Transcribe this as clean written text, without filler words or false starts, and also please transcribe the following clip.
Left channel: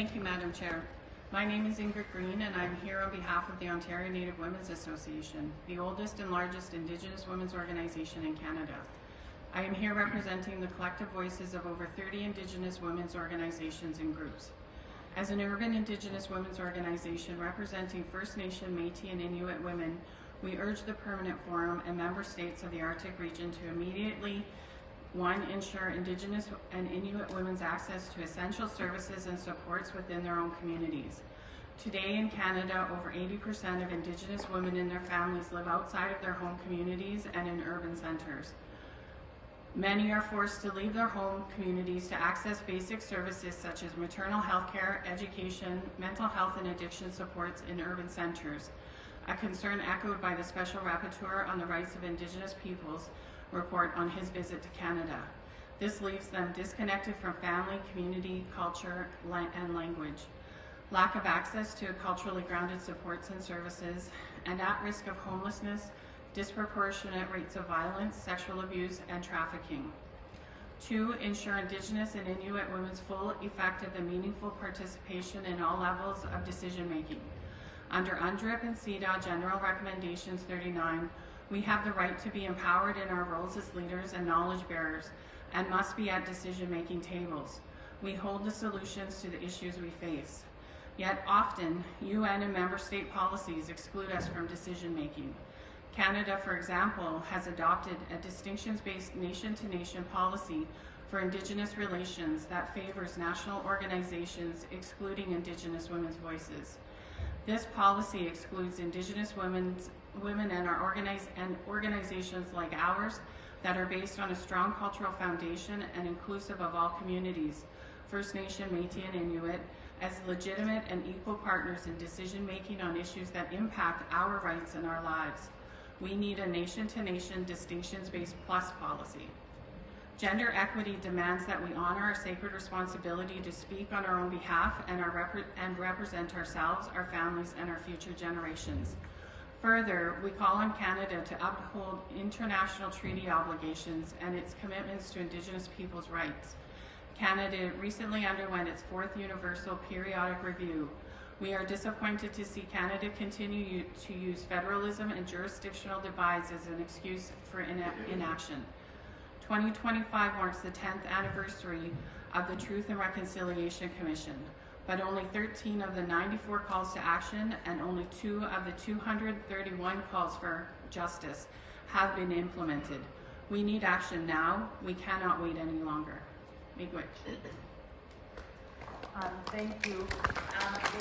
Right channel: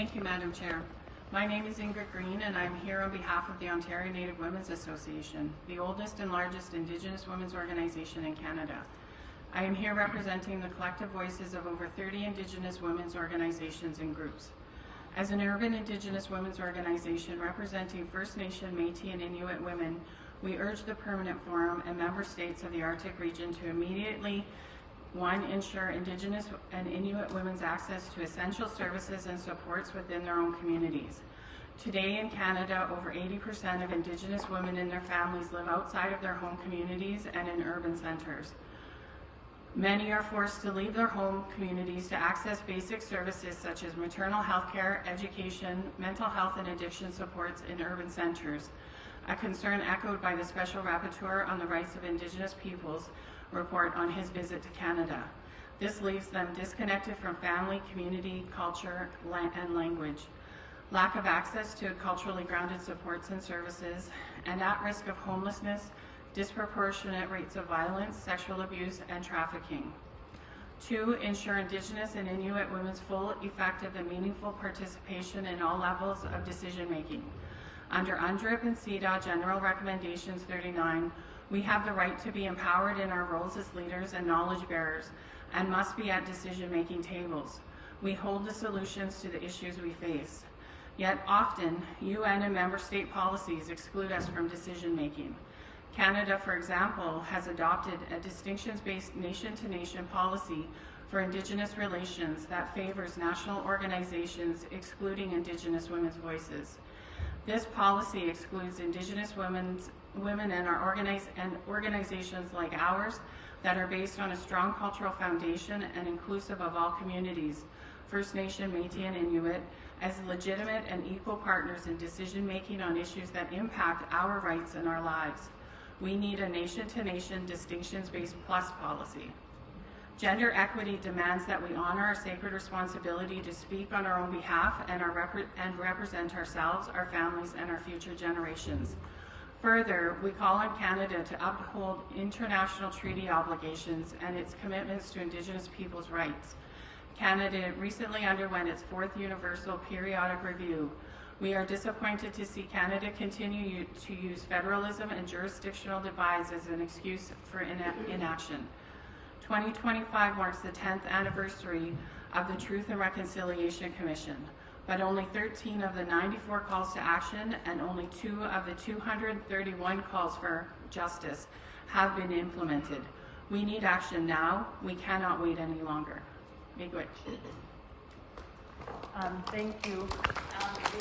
Thank you, Madam Chair. My name is Ingrid and I'm here on behalf of the Ontario Native Women's Association, the oldest and largest Indigenous women's organization in Canada. I am here representing the collective voices of over 30 Indigenous women's organizations and groups. As an urban Indigenous women's organization representing First Nation, Métis, and Inuit women, we urge the Permanent Forum and member states of the Arctic region to immediately, one, ensure Indigenous and Inuit women's access to essential services and supports within their own communities. Today in Canada, over 80% of Indigenous women and their families live outside of their home communities and in urban centres. Many are forced to leave their home communities to access basic services such as maternal health care, education, mental health and addiction supports in urban centres, a concern echoed by the Special Rapporteur on the Rights of Indigenous Peoples report on his visit to Canada. This leaves them disconnected from family, community, culture, and language, lack of access to culturally grounded supports and services, and at risk of homelessness, disproportionate rates of violence, sexual abuse, and trafficking. 2, ensure Indigenous and Inuit women's full, effective, and meaningful participation in all levels of decision-making. Under UNDRIP and CEDAW General Recommendations 39, we have the right to be empowered in our roles as leaders and knowledge bearers and must be at decision-making tables. We hold the solutions to the issues we face. Yet often, UN and member state policies exclude us from decision-making. Canada, for example, has adopted a distinctions-based nation-to-nation policy for Indigenous relations that favors national organizations excluding Indigenous women's voices. This policy excludes Indigenous women and organizations like ours that are based on a strong cultural foundation and inclusive of all communities, First Nation, Métis, and Inuit, as legitimate and equal partners in decision-making on issues that impact our rights and our lives. We need a nation-to-nation distinctions-based plus policy. Gender equity demands that we honor our sacred responsibility to speak on our own behalf and represent ourselves, our families, and our future generations. Further, we call on Canada to uphold international treaty obligations and its commitments to Indigenous peoples' rights. Canada recently underwent its 4th Universal Periodic Review. We are disappointed to see Canada continue to use federalism and jurisdictional divides as an excuse for inaction. 2025 marks the 10th anniversary of the Truth and Reconciliation Commission, but only 13 of the 94 calls to action and only 2 of the 231 calls for justice have been implemented. We need action now. We cannot wait any longer. Miigwech. Thank you.